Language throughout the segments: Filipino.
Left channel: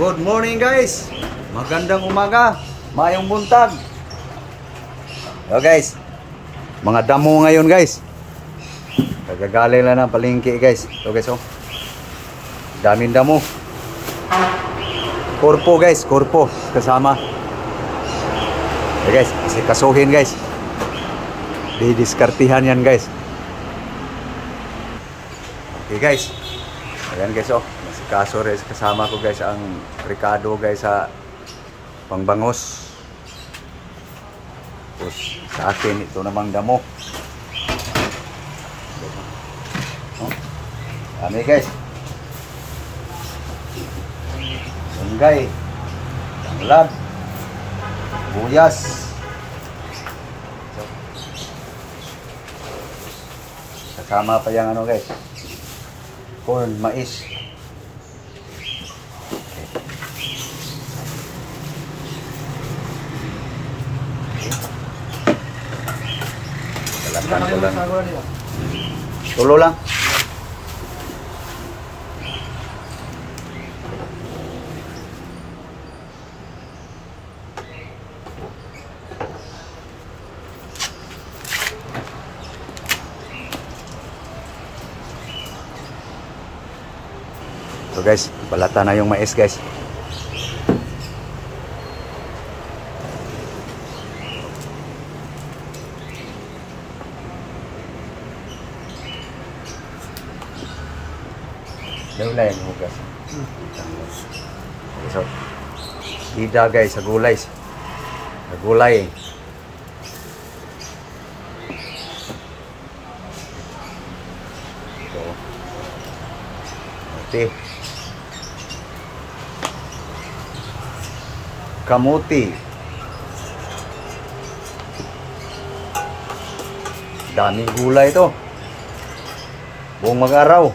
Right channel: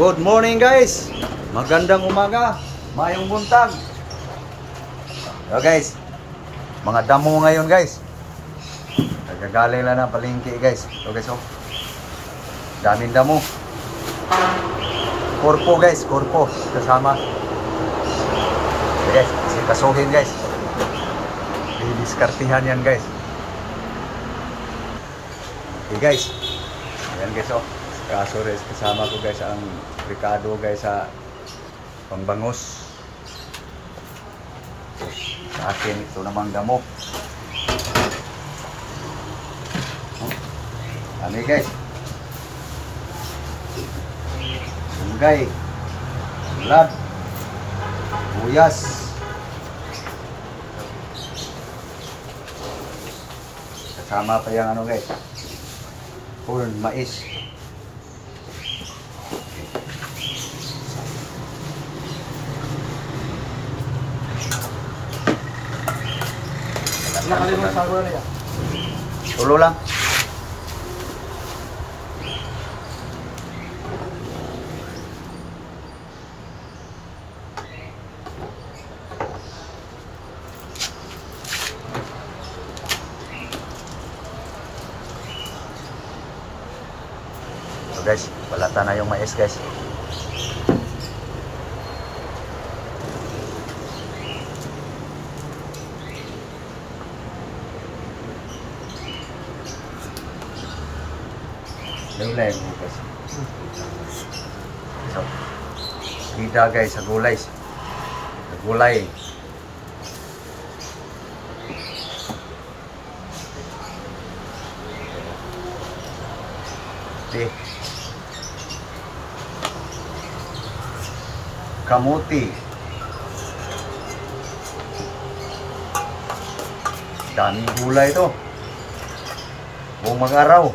Good morning guys. Magandang umaga. Mayong buntag. So guys, mga damo ngayon guys. Kagagaling lang ng palengke guys. So guys, oh. Daming damo. Korpo guys, korpo kasama. So guys, kasi kasuhin guys. Didiskartihan yan guys. Okay guys. Ayan guys, oh. Kaso rin kasama ko guys ang Ricardo guys sa pangbangos. Tapos sa akin ito namang damo. Dami guys. Sanggay, tanglad, buyas. Kasama pa yung ano guys, corn, mais. Tulo lang. So guys, balata na yung mais guys. Gulay mo guys. So, hida guys sa gulay. Sa gulay. Okay. Kamuti. Daming gulay ito. Buong mag-araw.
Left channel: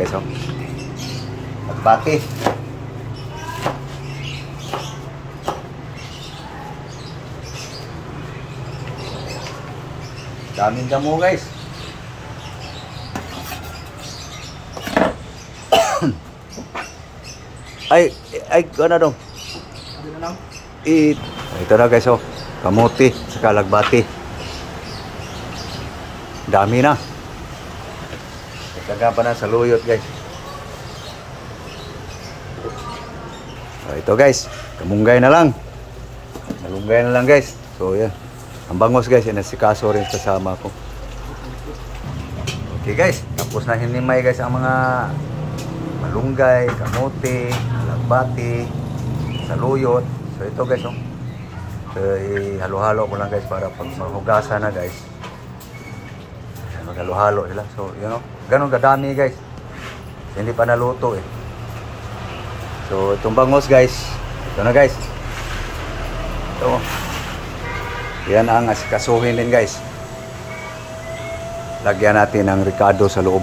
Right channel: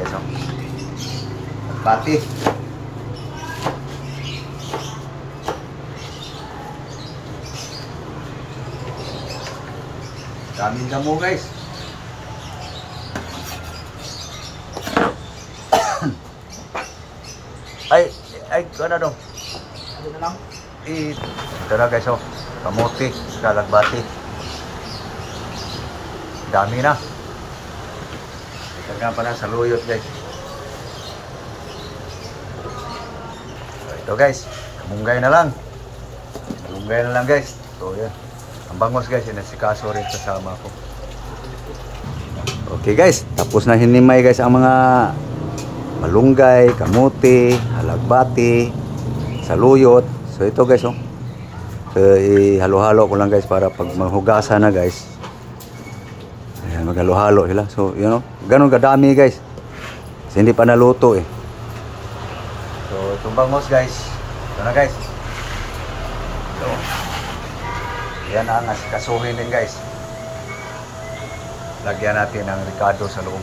Guys, oh. Pati. Daming damo guys. ay ano dong? Ano na lang? Ito na guys, oh. Kamuti, kalagbati. Dami na. Dagan pa na sa luyot guys. So, ito guys, kamunggay na lang. Malunggay na lang guys. So yan. Ang bangos guys, yan si Kaso rin kasama ko. Okay guys, tapos na hinimay guys ang mga malunggay, kamuti, alagbati, saluyot. So ito guys, oh. So ihalo-halo ko lang guys para pag maghugasan na guys. Ayan, maghalo-halo sila. So you know, ganun kadami guys. Kasi hindi pa naluto eh. So itong bangos guys, ito na guys. Ito. Yan ang asikasuhin din guys. Lagyan natin ng Ricardo sa loob.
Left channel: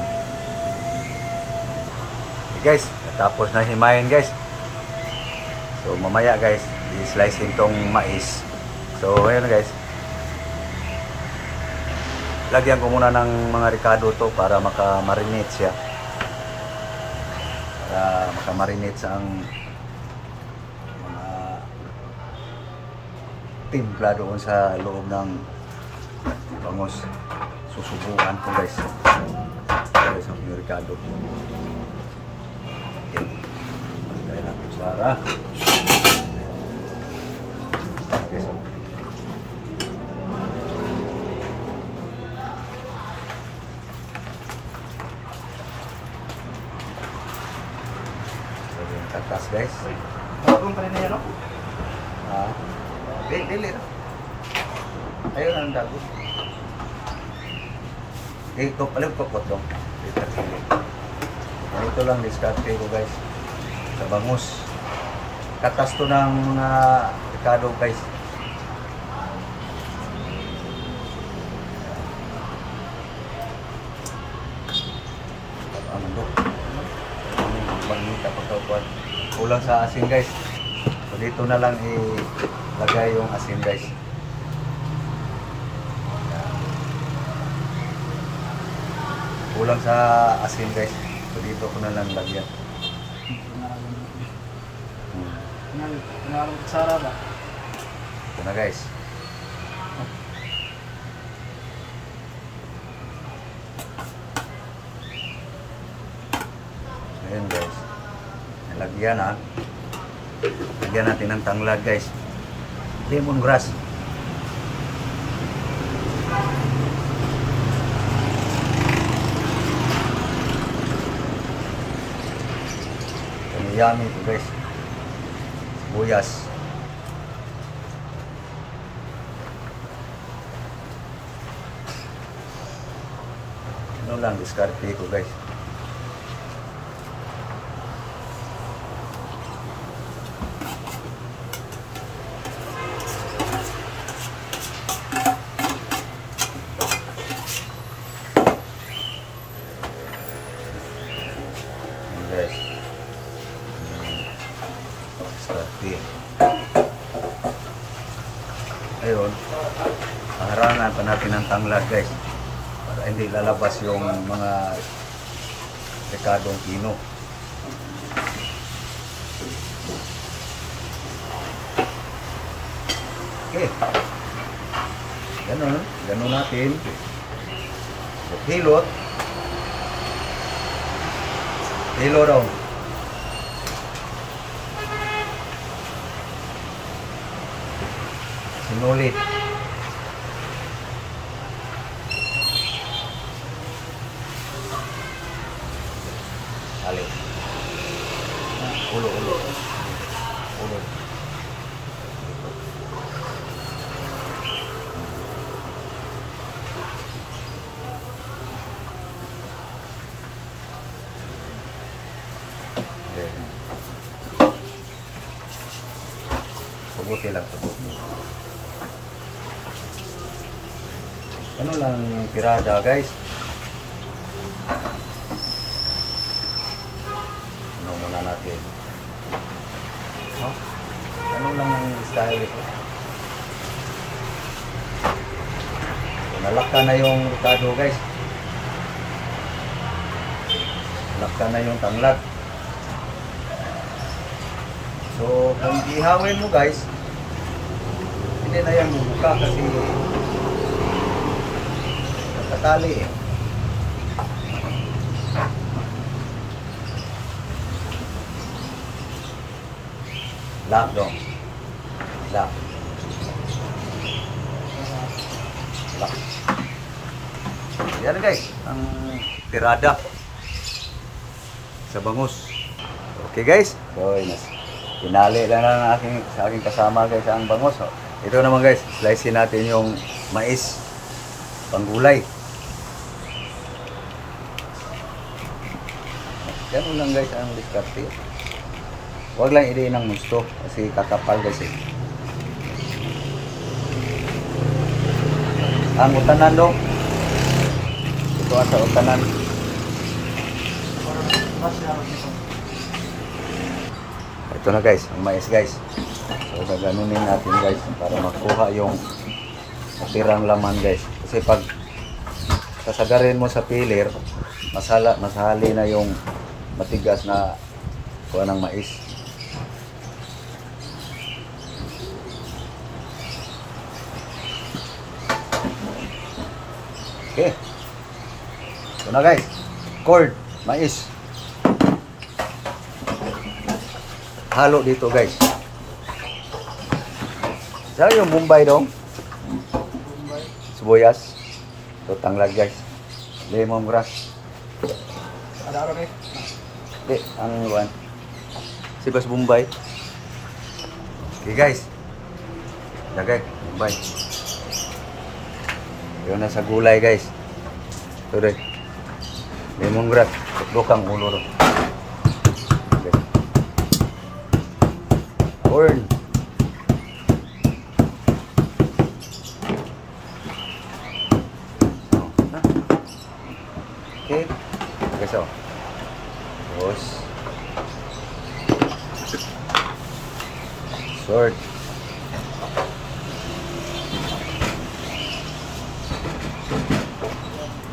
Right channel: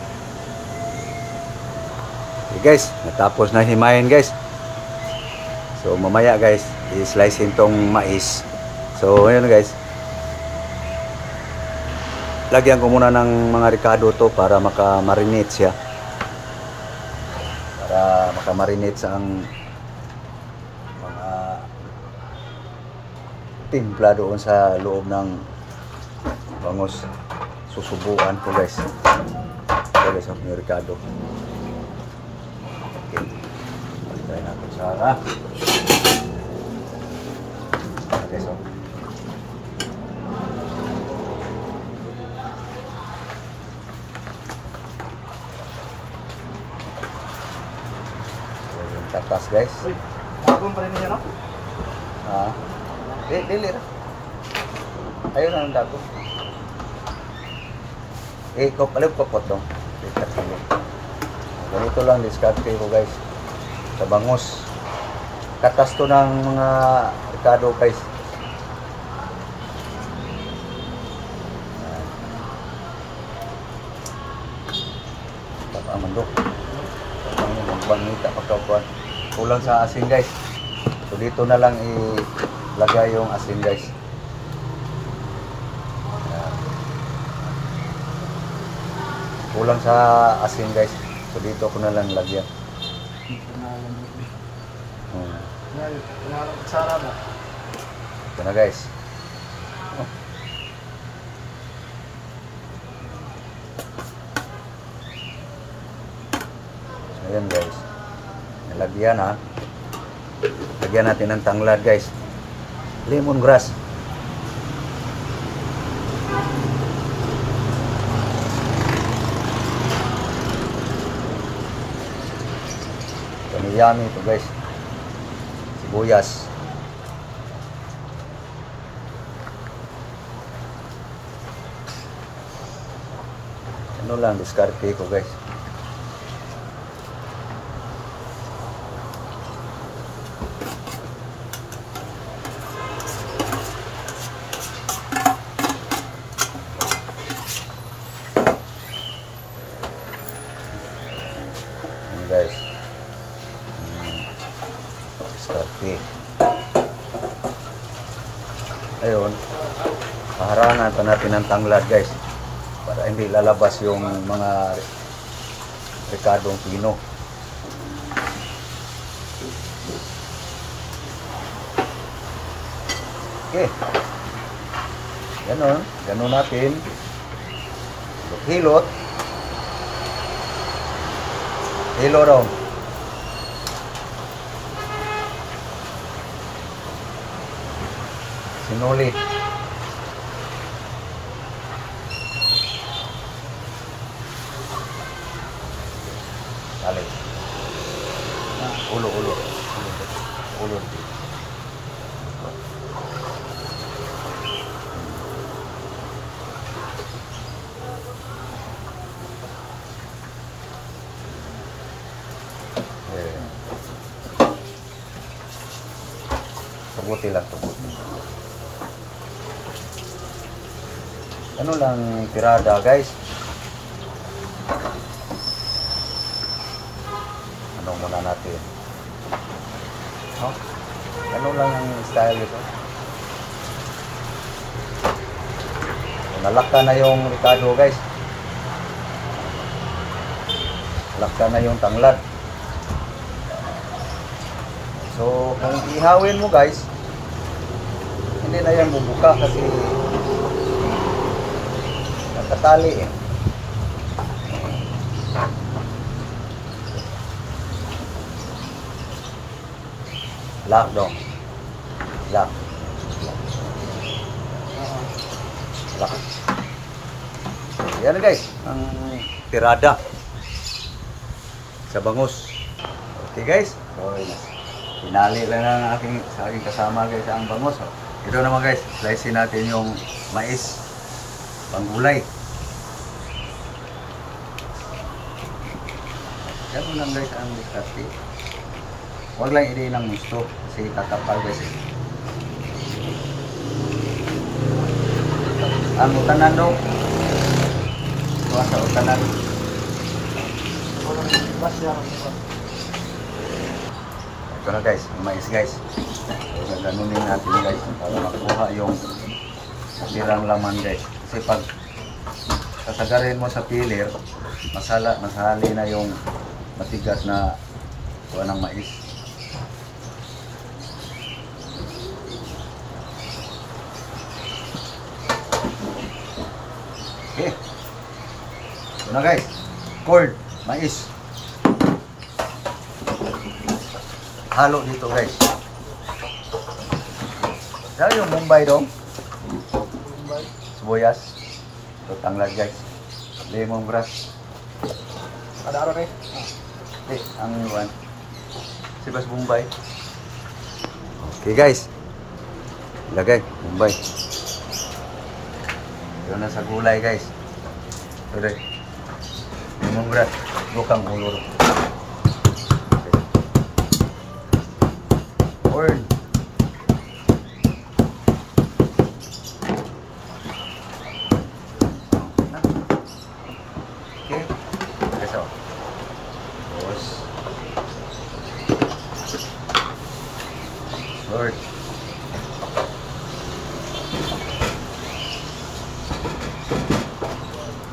Okay guys, natapos na himayin guys. So mamaya guys, i-slice itong mais. So ayun guys. Lagyan ko muna ng mga Ricardo to para maka-marinate siya. Para maka-marinate sa ang mga timpla doon sa loob ng bangos. Susubukan ko guys. Ito guys ang Ricardo. Okay. Ayan ang kutsara. Okay, so. Katas guys. Kapag pa rin niya, no? Dili. Ayun ang dato. Alam ko po ito. Ganito lang diskarte ko guys. Sa bangos. Katas to ng mga Ricardo guys. Kapamandok. Kulang sa asin guys. So dito na lang ilagay yung asin guys. Kulang sa asin guys. So So dito ko na lang lagyan. Pinalang mo. Hmm. Pinalang kutsara ba? Ito na guys. Ayan guys. Nalagyan ha. Lagyan natin ng tanglad guys. Lemongrass. Yummy ito guys. Sibuyas. Ano lang diskarte ko guys. Guys. Diskarte. Ayun. Paharangan pa natin ng tanglad guys. Para hindi lalabas yung mga rekadong pino. Okay. Ganun natin. Hilot. Hilo daw. Sinulit. Balik. Ulo. Ulo. Pabuti lang, pabuti. Ano lang tirada guys? Ano muna natin? No? Ano lang ang style ito? Nalakta na yung ricado guys. Lakta na yung tanglad. So kung ihawin mo guys, hindi na yan bubuka kasi nakatali eh. Lock dong. Lock. Lock. Yan na guys, ang tirada sa bangus. Okay guys, so pinali lang ng sa aking kasama guys ang bangus. So, ito naman guys, slice natin yung mais panggulay. Ganun lang guys ang diskarte. Huwag lang i-din ng gusto kasi kakapal guys eh. Ang utanan daw. Ito sa utanan. Ito na guys, yung mais guys. So gaganunin natin guys para makuha yung natirang laman guys. Kasi pag kasagarin mo sa pilir, masali na yung matigas na kuha ng mais. Okay. Ito na guys. Corn, mais. Halo dito guys. Saan yung Bombay dong? Sibuyas. Ito tanglad guys. Lemongrass. Ada araw na eh. Hindi, ang one. Sibas Bombay. Okay guys. Lagay, Bombay. Yun na sa gulay guys. Ito rin. Lemongrass. Tukang ulo rin. Okay. Corn. Okay. Okay so. Tapos. Short.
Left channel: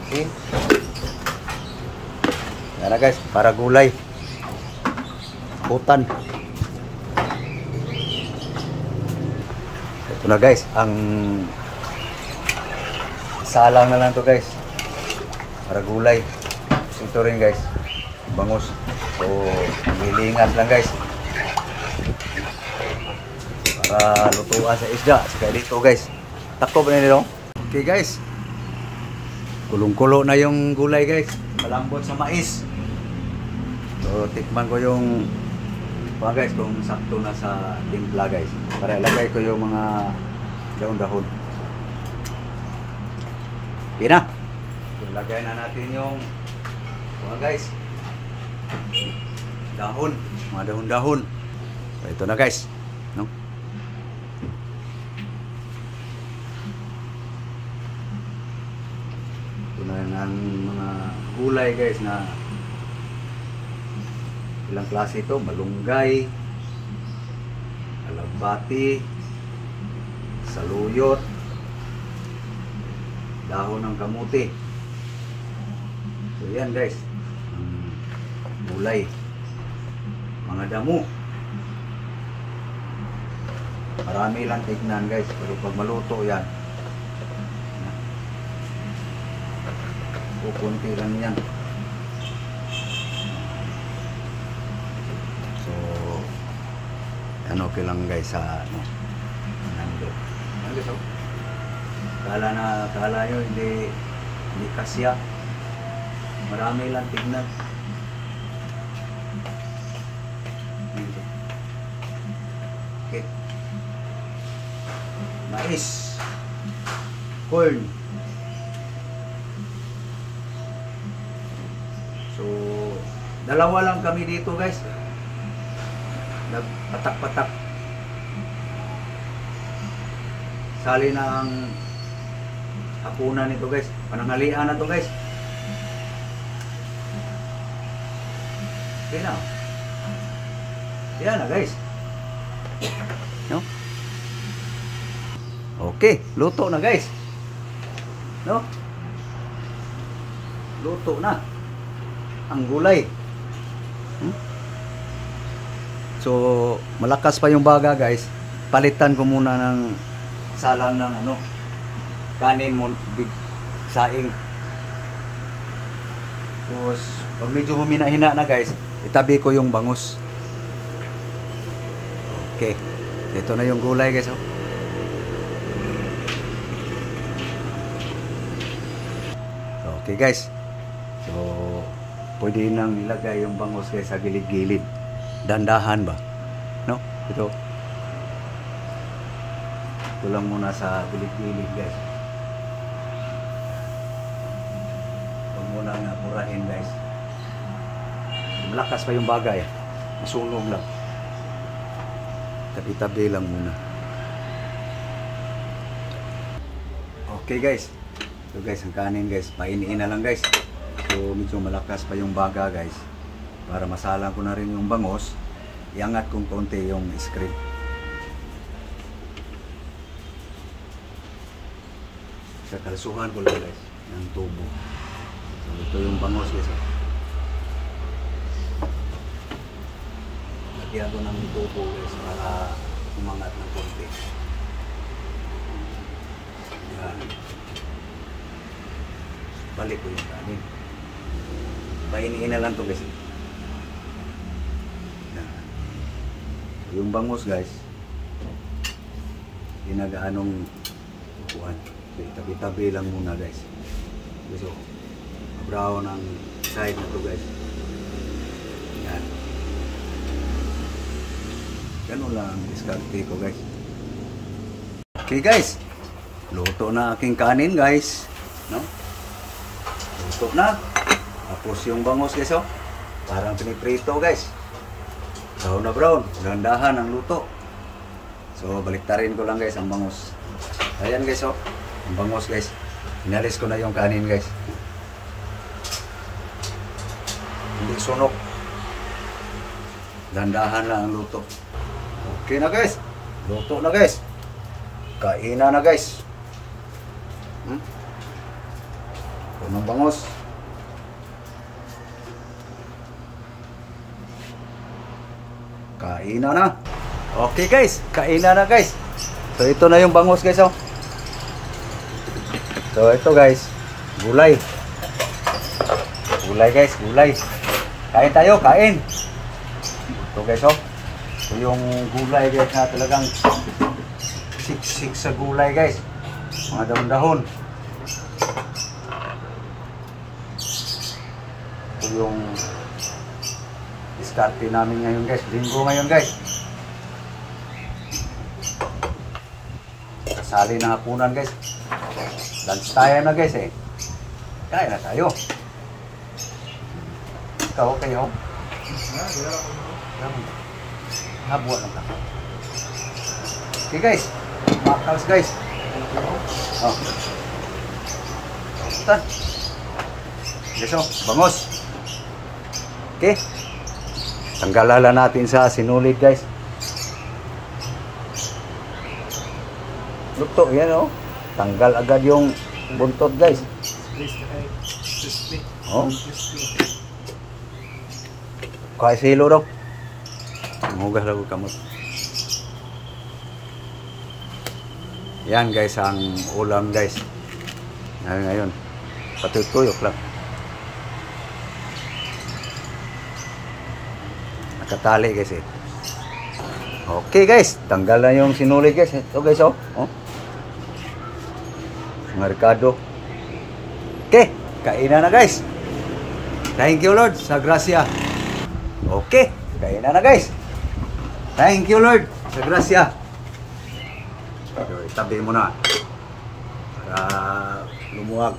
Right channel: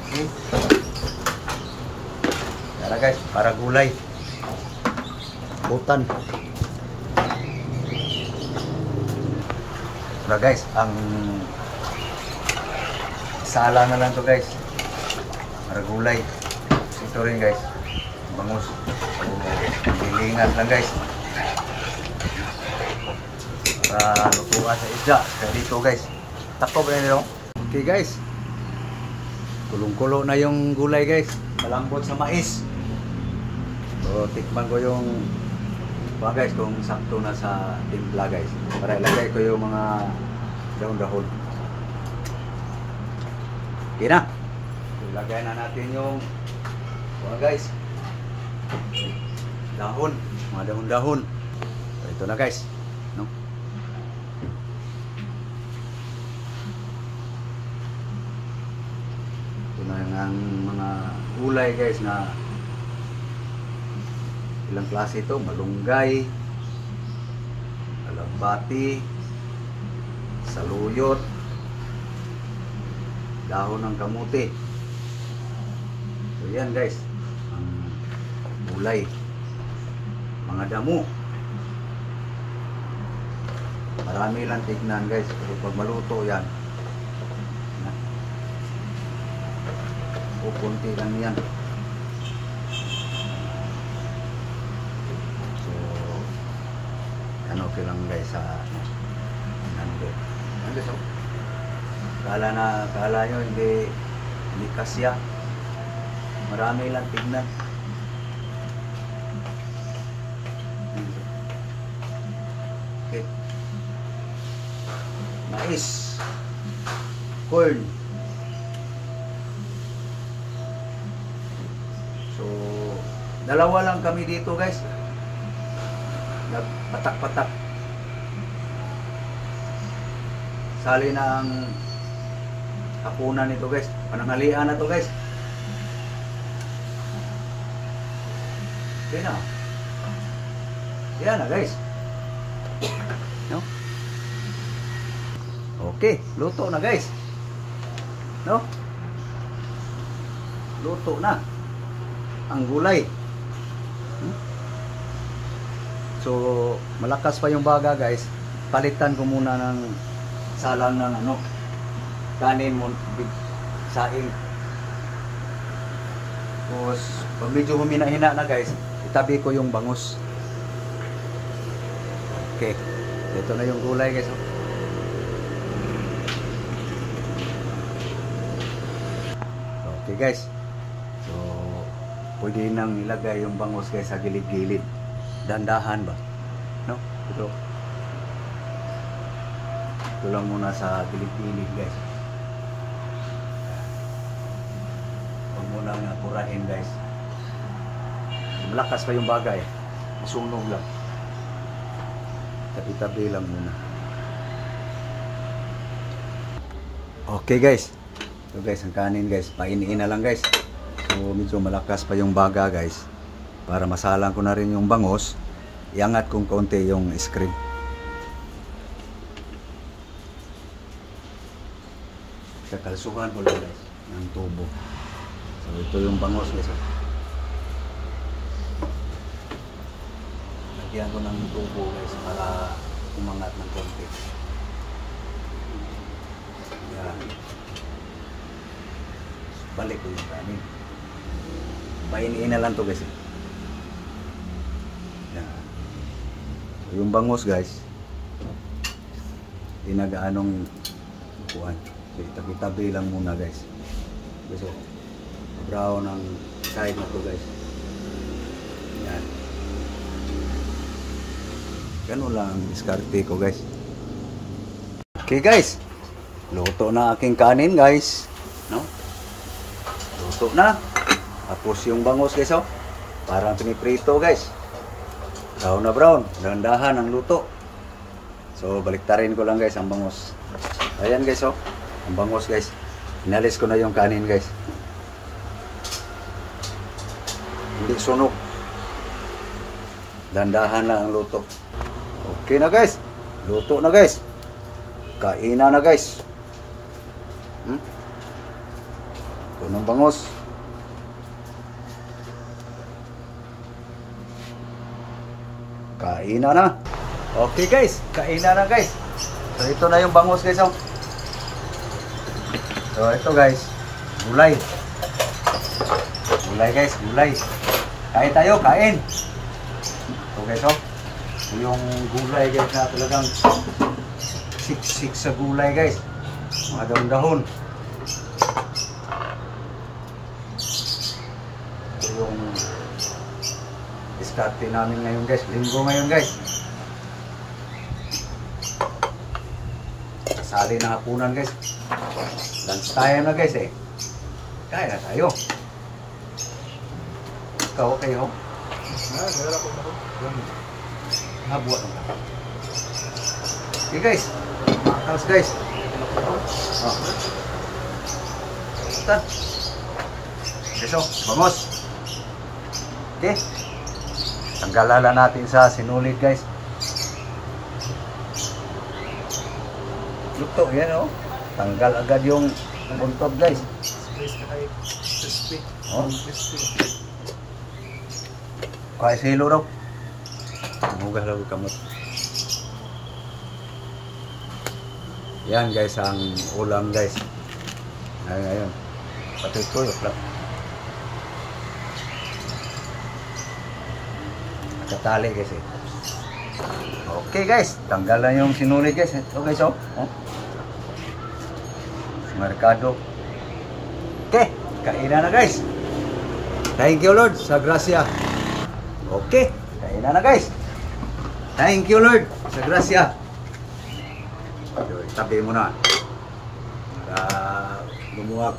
Okay. Yan Ano guys, para gulay. Putan. Ito na guys, ang sala na lang to guys. Para gulay. Ito rin guys, bangus. So, lilingat lang guys. Para lutuan sa isda. Kaya dito guys, takpo ba nila? Okay guys, kulong-kulo na yung gulay guys. Malambot sa mais. So, tikman ko yung mga guys kung sakto na sa timpla guys. Para ilagay ko yung mga dahon-dahon. Okay na. Ilagay na natin yung mga guys. Dahon. Mga dahon-dahon. Ito na guys. No? Ito na ang mga gulay guys na ilang klase ito, malunggay, alagbati, saluyot, dahon ng kamuti. So yan guys, ang gulay, mga damo. Marami lang tignan guys, pero pag maluto yan, kunti lang yan. Okay lang guys sa nando so kala nyo hindi kasya, marami lang tignan. Okay, mais, corn. So dalawa lang kami dito guys, nagpatak-patak. Sali na ang hapunan nito guys. Pananghalian na to guys. Okay na. Yan na guys. No? Okay, luto na guys. No? Luto na ang gulay. So, malakas pa yung baga guys. Palitan ko muna ng salang ng kanin mo, saing. Tapos, pag medyo humina-hina na guys, itabi ko yung bangus. Okay. Ito na yung gulay guys. Okay guys. So, pwede nang ilagay yung bangus guys sa gilid-gilid. Dandahan ba? No? Ito lang muna sa gilid-gilid guys. Huwag muna nga purahin guys. Malakas pa yung bagay. Masunog lang. Tabi-tabi lang muna. Okay guys. So guys, ang kanin guys, painiin na lang guys. So medyo malakas pa yung baga guys. Para masalang ko na rin yung bangus, iangat kong konti yung screen. Kakalsuhan ko lang guys ng tubo. So ito yung bangus guys. Lagyan ko ng tubo guys para umangat ng konti. Yan. Balik ko yung kanin. Painiin na lang ito guys. Yan. Yung bangus guys, inagaanong kukuhan. Tabi-tabi lang muna guys. So, brown ang side na to guys. Yan. Ganun lang ang diskarte ko guys. Okay guys, luto na aking kanin guys. No? Luto na. Tapos yung bangus guys, oh. Parang piniprito guys. Brown na brown. Dahan-dahan ang luto. So, baliktarin ko lang guys ang bangus. Ayan guys, oh. Ang bangus guys. Inalis ko na yung kanin guys. Hindi sunok. Dahan-dahan lang ang luto. Okay na guys. Luto na guys. Kainan na guys. Ito ng bangus. kainan na. Okay guys, kainan na guys. So ito na yung bangus guys oh. So ito guys, gulay. Gulay guys, gulay. Kain tayo, kain. Ito guys oh. Ito yung gulay guys na talagang siksik sa gulay guys. Mga dahon-dahon. Ito yung diskarte namin ngayon guys. Linggo ngayon guys. Kasali na hapunan guys. Lunch tayo na guys eh. Kain na tayo. Ikaw kayo. Nabuhat ang kaka. Okay guys. Makakaos guys. Oh. Tan. Beso, bangus. Okay. Tanggalala natin sa sinulid guys. Luto yan oh. Tanggal agad yung buntot guys. Oh. Kaya silo daw. Hugas daw kamot. Yan guys ang ulam guys. Ngayon. Patutuyok lang. Nakatali guys eh. Okay guys, tanggal na yung sinulid guys. Ito guys oh. Oh. Merkado. Okay, kainan na guys. Thank you Lord sa grasya. Okay, kainan na guys. Thank you Lord sa grasya. Tabi mo na. Para lumuwag.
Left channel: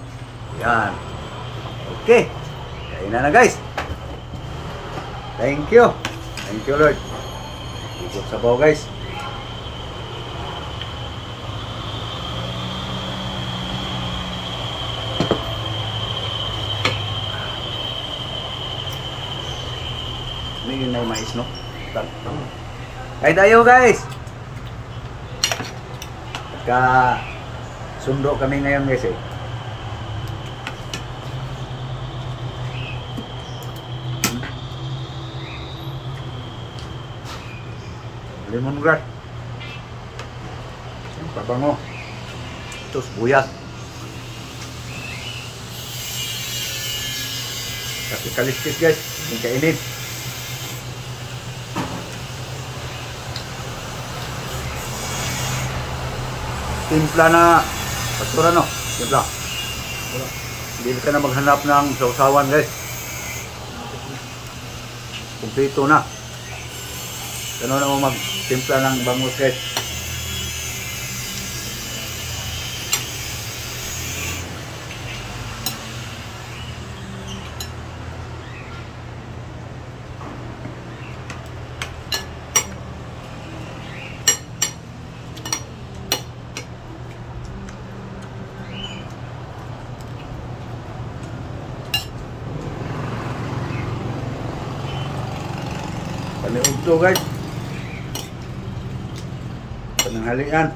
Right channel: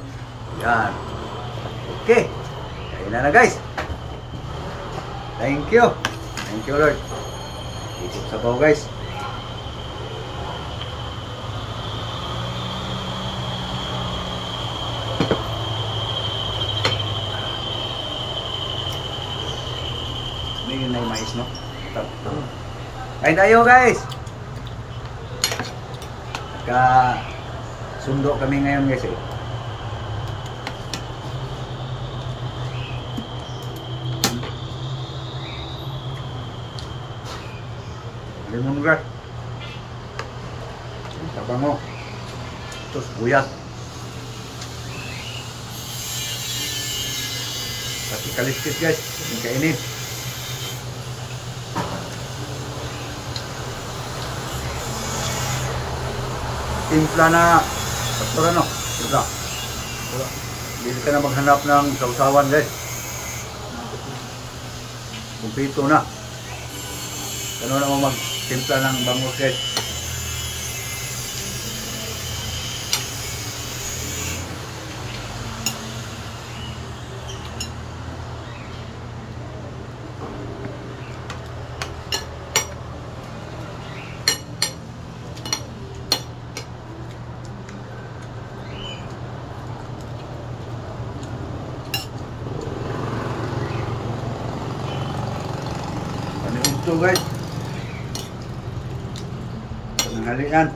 Yan. Okay, kainan na guys. Thank you. Thank you Lord. Ikot sa baw guys. Ini na yung mais no? Kain tayo guys. Ka sundo kami ngayon guys eh. Lemongrass. Pabango. Terus buyat. Kasih kaliskis guys. Ini kayak ini. Timpla na pasura no. Timpla. Hindi ka na maghanap ng sausawan guys. Kumpito na. Ganun na mo magtimpla ng bangus guys. Kami ugto guys. Penanghalian.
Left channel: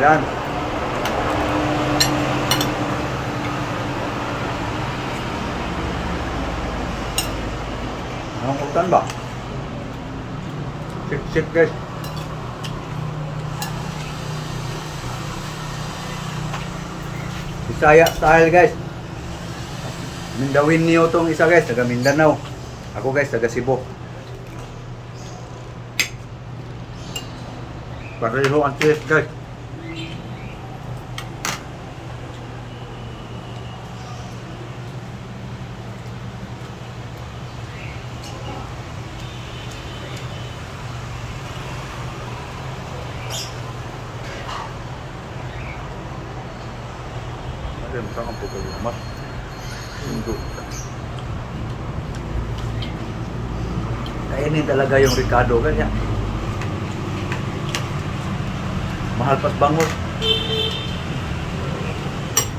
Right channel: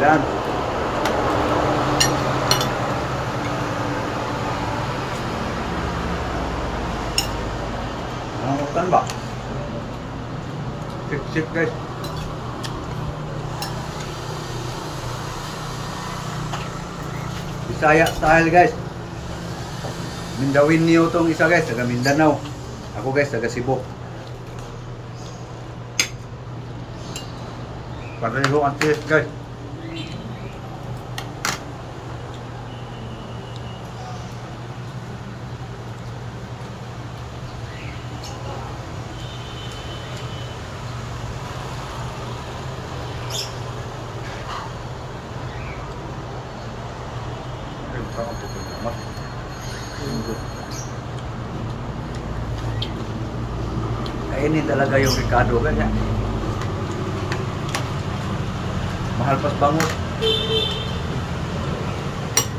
Yan. Ang utan ba? Sik-sik guys. Bisaya style guys. Mindawin niyo tong isa guys, taga Mindanao. Ako guys, taga Cebu. Pareho ang taste guys. Kainin talaga yung Ricardo ganyan. Mahal pas bangus.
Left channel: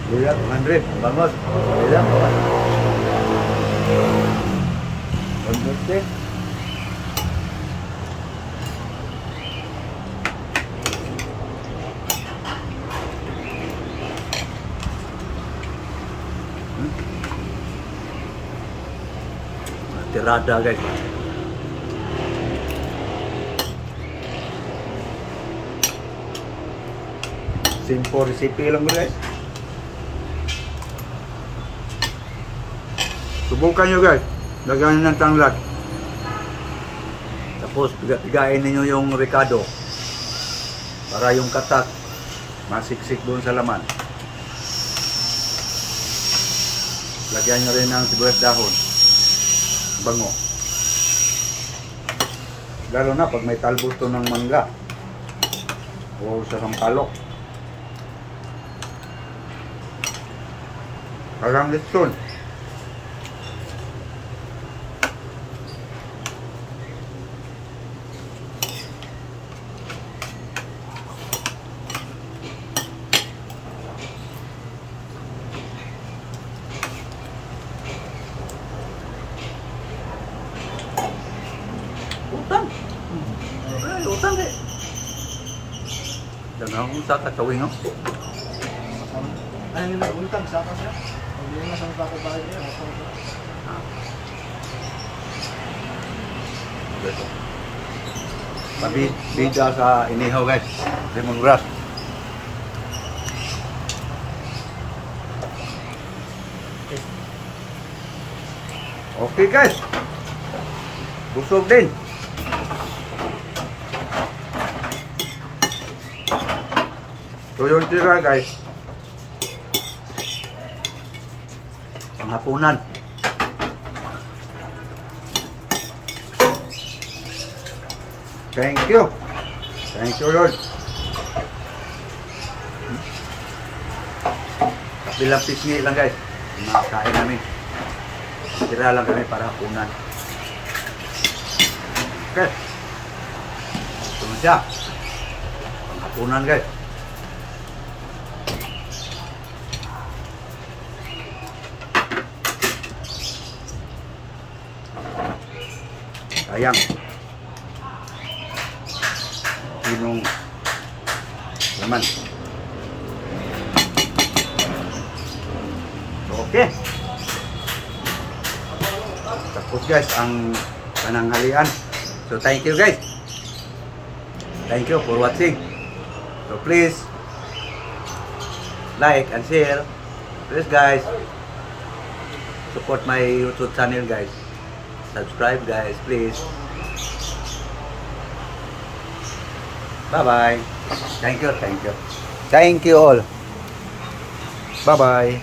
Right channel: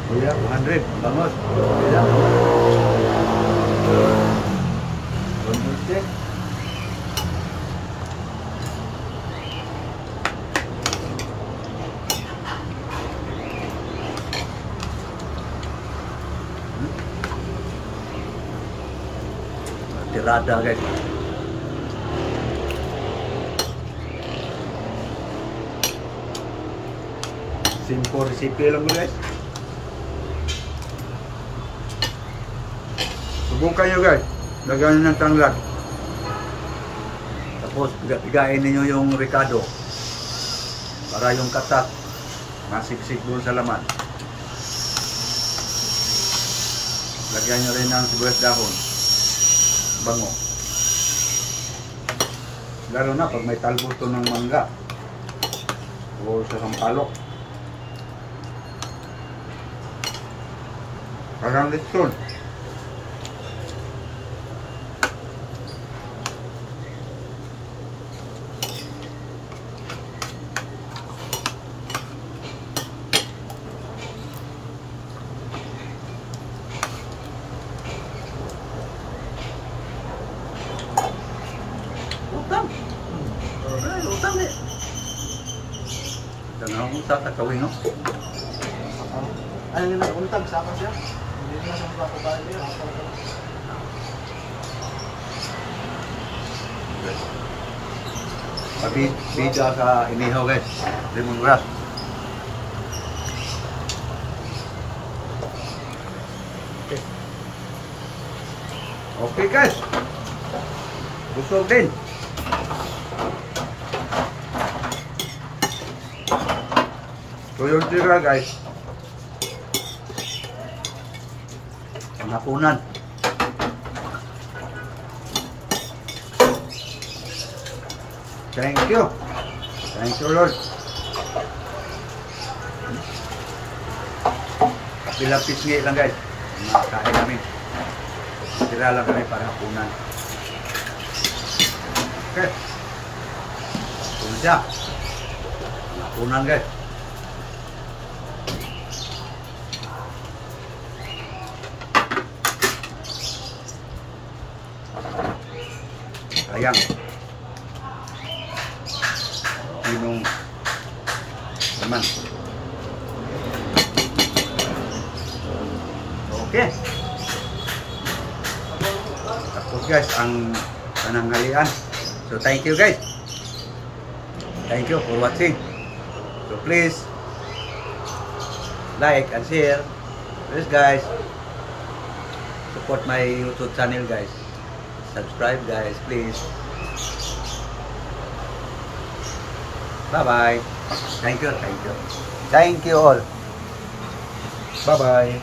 Buya 100 bangus. Buya 150. Irada guys. Simple recipe lang mo guys. Subukan nyo guys. Lagyan nyo ng tanglad. Tapos pigain ninyo yung ricado. Para yung katas masiksik doon sa laman. Lagyan nyo rin ng sibuyas dahon. Bango. Lalo na pag may talbos to ng mangga. O sa sampalok. Parang lechon. Utang. Ay, utang eh. Jangan usah katawin no. Ano na untag sa akin siya? Hindi na sa mga babae niya, hatang ka. Tapi bida sa inihaw guys. Lemongrass. Okay guys. Busog din. So yung tira guys. Panghapunan. Thank you. Thank you Lord. Kapilang pisngi lang guys. Makakain namin. Tira lang kami para hapunan. Okay. Ito na siya. Panghapunan guys. Sayang. Pinong laman. Okay. Tapos guys ang pananghalian. So thank you guys. Thank you for watching. So please like and share. Please guys. Support my YouTube channel guys. Subscribe guys, please. Bye-bye. Thank you, thank you. Thank you all. Bye-bye.